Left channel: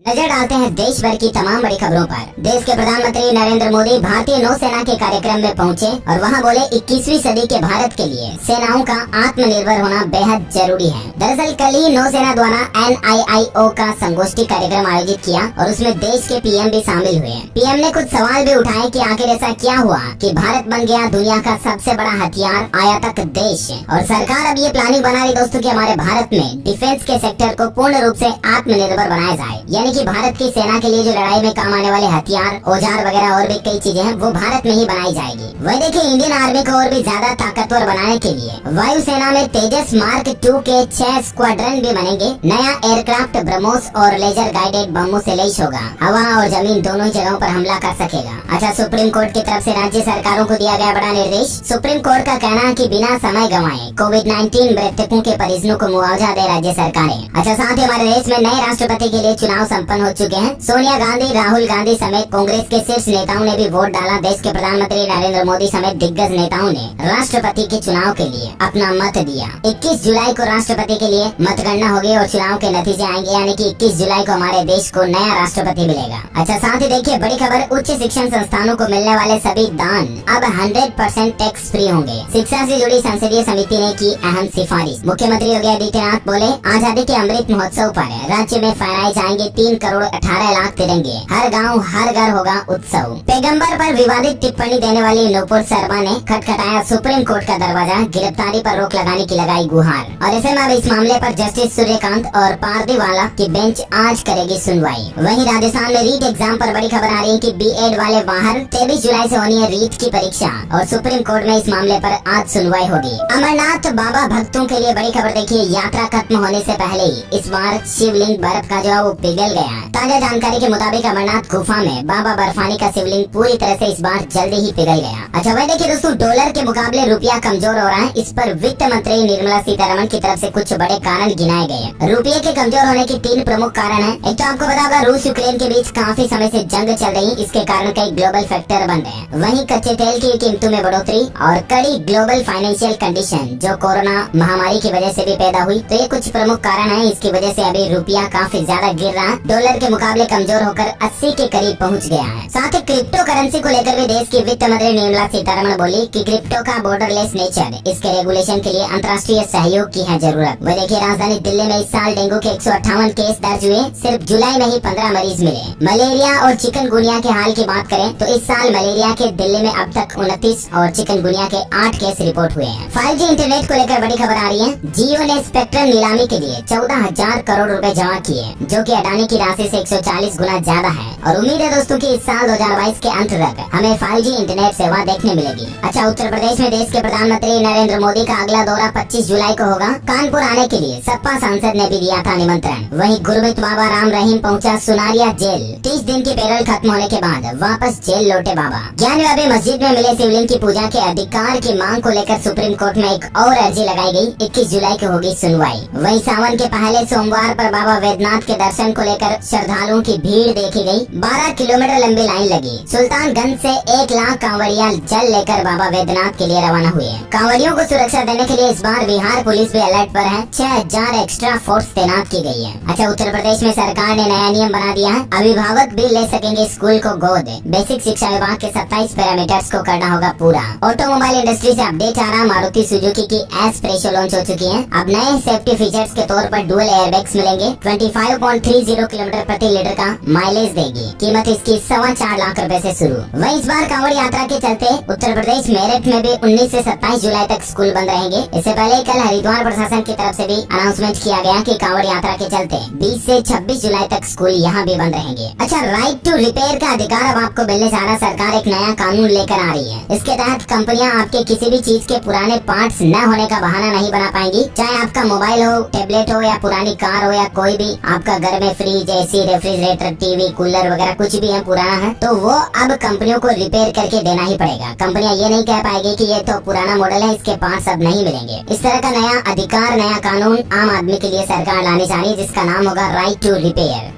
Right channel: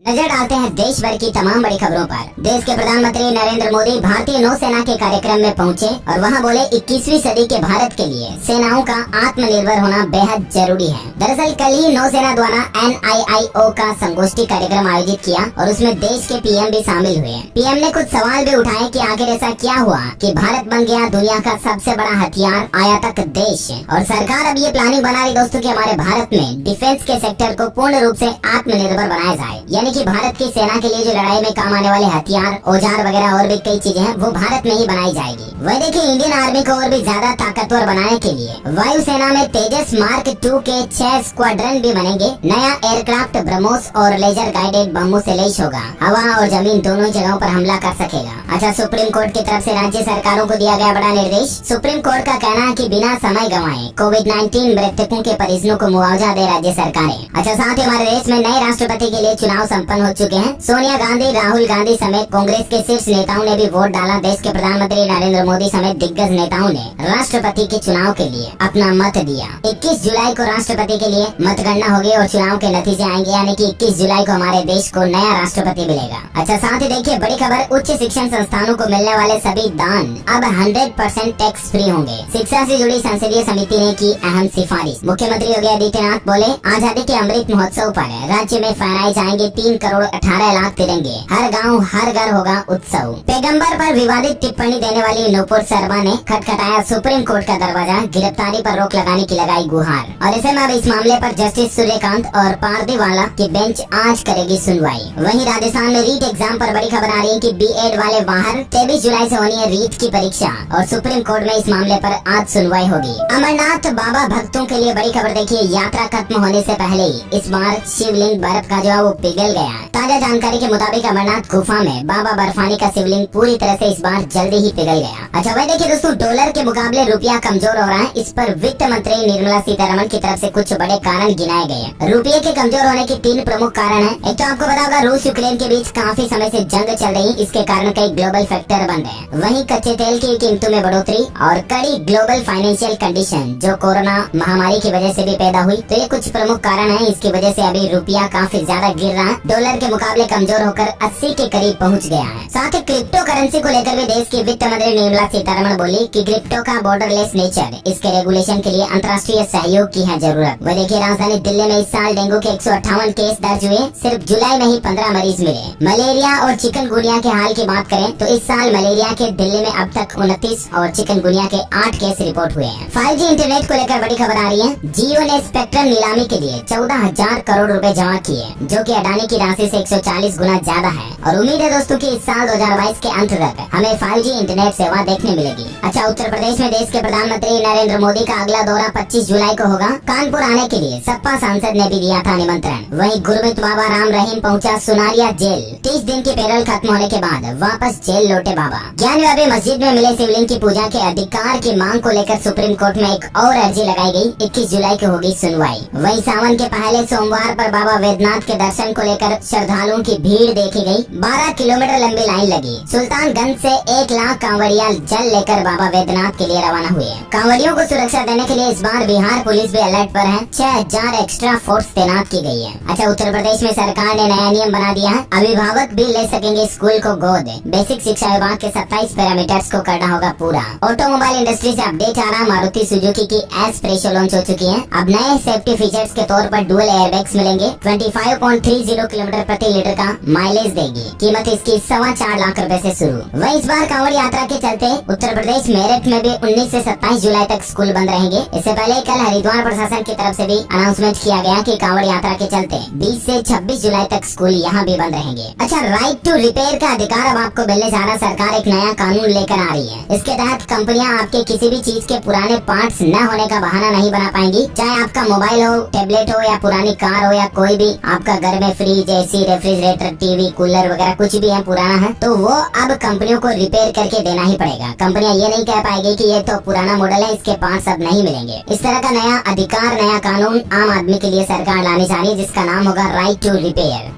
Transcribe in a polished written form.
नजर डालते हैं देश भर की तमाम बड़ी खबरों पर। देश के प्रधानमंत्री नरेंद्र मोदी भारतीय नौसेना के कार्यक्रम में पहुंचे और वहां बोले 21वीं सदी के भारत के लिए सेनाओं का आत्मनिर्भर होना बेहद जरूरी है। दरअसल कल ही नौसेना द्वारा NIIO का संगोष्ठी कार्यक्रम आयोजित किया और उसमें देश के PM भी शामिल हुए। PM ने कुछ सवाल भी उठाए कि आखिर ऐसा क्या हुआ कि भारत बन गया दुनिया का सबसे बड़ा हथियार आयातक देश। और सरकार अब ये प्लानिंग बना रही दोस्तों कि हमारे भारत में डिफेंस के सेक्टर को पूर्ण रूप से आत्मनिर्भर बनाया जाए, यानी कि भारत की सेना के लिए जो लड़ाई में काम आने वाले हथियार, औजार वगैरह और भी कई चीजें हैं वो भारत में ही बनाई जाएगी। वही देखिए, इंडियन आर्मी को और भी ज्यादा ताकतवर बनाने के लिए वायुसेना में तेजस मार्क 2 के 6 स्क्वाड्रन भी बनेंगे। नया एयरक्राफ्ट ब्रह्मोस और लेजर गाइडेड बमों से लैस होगा, हवा और जमीन दोनों जगहों पर हमला कर सकेगा। अच्छा, सुप्रीम कोर्ट की तरफ से राज्य सरकारों को दिया गया बड़ा निर्देश। सुप्रीम कोर्ट का कहना है कि बिना समय गंवाए कोविड-19 मृतकों के परिजनों को मुआवजा दे राज्य सरकारें। अच्छा, साथ ही हमारे देश में नए राष्ट्रपति के लिए चुनाव संपन्न हो चुके हैं। सोनिया गांधी, राहुल गांधी समेत कांग्रेस के शीर्ष नेताओं ने भी वोट डाला। देश के प्रधानमंत्री नरेंद्र मोदी समेत दिग्गज नेताओं ने राष्ट्रपति के चुनाव के लिए अपना मत दिया। 21 जुलाई को राष्ट्रपति के लिए मतगणना होगी और चुनाव के नतीजे आएंगे, यानी कि 21 जुलाई को हमारे देश को नया राष्ट्रपति मिलेगा। अच्छा, साथ ही देखिए बड़ी खबर, उच्च शिक्षण संस्थानों को मिलने वाले सभी दान अब 100% टैक्स फ्री होंगे। शिक्षा से जुड़ी संसदीय समिति ने की अहम सिफारिश। मुख्यमंत्री योगी आदित्यनाथ बोले, आजादी के अमृत महोत्सव पर राज्य में फहराए जाएंगे 3 करोड़ 18 लाख तिरंगे, हर गांव हर घर होगा उत्सव। पैगंबर पर विवादित टिप्पणी देने वाली नूपुर शर्मा ने खटखटाया सुप्रीम कोर्ट का दरवाजा, गिरफ्तारी पर रोक लगाने की लगाई गुहार। और ऐसे में अब इस मामले पर जस्टिस सूर्यकांत और पारदीवाला की बेंच आज करेगी सुनवाई। वहीं राजस्थान में रीट एग्जाम पर बड़ी खबर आ रही है कि B.Ed वाले बाहर 23 जुलाई से होनी है रीट की परीक्षा और सुप्रीम कोर्ट में इस मामले पर आज सुनवाई होगी। अमरनाथ बाबा भक्तों के लिए बड़ी खबर देखिए, यात्रा खत्म होने से पहले ही इस बार शिवलिंग बर्फ का जो है वो पिघल गया। ताजा जानकारी के मुताबिक अमरनाथ गुफा में बाबा बर्फानी का शिवलिंग पूरी तरह से इस बार जल्दी ही पिघल गया। अच्छा, वह देखिए दोस्तों, डॉलर के मुकाबले रुपया कमजोर हो रहा है। इस पर वित्त मंत्री निर्मला सीतारमण की तरफ से कुछ बड़े कारण गिनाए गए। रुपये के कमजोर होने के 3 प्रमुख कारण हैं। एक तो आपको पता होगा, रूस यूक्रेन के बीच काफी समय से जंग चल रही, इसके कारण कई ग्लोबल फैक्टर बन रहे हैं। वहीं कच्चे तेल की कीमतों में बढ़ोतरी और कड़ी ग्लोबल फाइनेंशियल कंडीशन जो कोरोना महामारी की वजह से भी पैदा हुई, तो ये कुछ प्रमुख कारण है। इसकी वजह से अभी रुपया काफी ज्यादा गिर रहा है, डॉलर के मुकाबले कमजोर होकर 80 के करीब पहुंच गया है। साथ ही क्रिप्टो करेंसी को लेकर भी देश की वित्त मंत्री निर्मला सीतारमण बोली कि क्रिप्टो का बॉर्डरलेस नेचर, इसके रेगुलेशन के लिए अंतर्राष्ट्रीय सहयोग की है जरूरत। वह देखिए, राजधानी दिल्ली में इस साल डेंगू के 158 केस दर्ज हुए, सिर्फ जुलाई में ही 15 मरीज मिले। मलेरिया और चिकनगुनिया के हाल की बात करें तो इस साल मलेरिया के दिल्ली में अब तक 29 और चिकनगुनिया के 8 केस रिपोर्ट हुए हैं। 5G इंटरनेट को लेकर बड़ी खबर आ रही है। जियो ने स्पेक्ट्रम नीलामी के लिए 14,000 करोड़ रुपए जमा किए, जो कि अडानी की राशि से 140 गुना ज्यादा है। और उम्मीद है दोस्तों कि इस साल 2022 के अंत तक हमें 5G इंटरनेट सेवा देखने मिलेगी। अच्छा, उत्तर प्रदेश में देश के प्रधानमंत्री नरेंद्र मोदी का अगला दौरा 25 जुलाई को होगा। कानपुर आने के लिए सपा सांसद ने भी दिया था निमंत्रण। वहीं गुरमीत बाबा राम रहीम पहुंचा सुनारिया जेल। 30 दिन की पैरोल खत्म होने के बाद वापस जेल लौटे बाबा। ज्ञानव्यापी मस्जिद में मिले शिवलिंग की पूजा के अधिकार की मांग को लेकर सुप्रीम कोर्ट में एक और अर्जी लगाई गई। 21 जुलाई को होगी सुनवाई। वहीं सावन के पहले सोमवार पर बाबा वैद्यनाथ के दर्शन को लेकर श्रद्धालुओं की भीड़ देखी गई। 12 किलोमीटर लंबी लाइन लगी। सुल्तानगंज से 1 लाख कांवड़िया जल लेकर बाबा वैद्यनाथ के लिए रवाना हुए। कांवड़ियों को सुरक्षा देने के लिए इस बार बिहार पुलिस भी अलर्ट पर है। 6000 एक्स्ट्रा फोर्स तैनात की गई है। अच्छा, उत्तर प्रदेश में सरकार ने नया नियम बना दिया है, अभिभावक भी ले सकेंगे स्कूल को गोद। बेसिक शिक्षा विभाग के 27 पैरामीटर्स को करना होगा पूरा। ऑटोमोबाइल इंडस्ट्री से अपडेट आ रहा, मारुति सुजुकी की एस प्रेशो लॉन्च हो चुकी है। अब नए सेफ्टी फीचर्स के तौर पर डुअल एयरबैग्स मिलेंगे। 25.30 किलोमीटर प्रति लीटर का माइलेज देगी। कीमत इसकी 4.25 लाख रुपए से शुरू। वहीं इस बार कांवड़ यात्रा के चलते उत्तर प्रदेश मेरठ में भी 19 से 27 जुलाई तक स्कूल बंद रहेंगे। इससे पहले कल हरिद्वार प्रशासन की तरफ से भी अनाउंसमेंट किया गया कि कांवड़ यात्रा के चलते 20 से 26 जुलाई तक स्कूल यहाँ भी बंद रहेंगे। अच्छा, राइट टू रिपेयर का अधिकार अब आपको मिलने जा रहा। सरकार एक नया कानून लेकर आ रही है। इसके तहत कंपनियां आपके किसी भी चीज के पुराने पार्ट्स न होने का बहाना नहीं बना पाएंगी। चाहे आपका मोबाइल हो, टेबलेट हो या पुरानी कार हो या कोई भी आपका घर में fridge, AC, refrigerator, TV, cooler वगैरह कुछ भी है पुराना है, तो वो अब कंपनियों को रिपेयर करके देना ही पड़ेगा। कंपनियां ये नहीं कह पाएगी कि ये तो पुराना मॉडल है, इसके पार्ट्स अब नहीं मिलेंगे। इस तरह का नया अधिकार, नया कानून आम आदमी के लिए सरकार लाने जा रही है, जिसका नाम होगा राइट टू रिपेयर।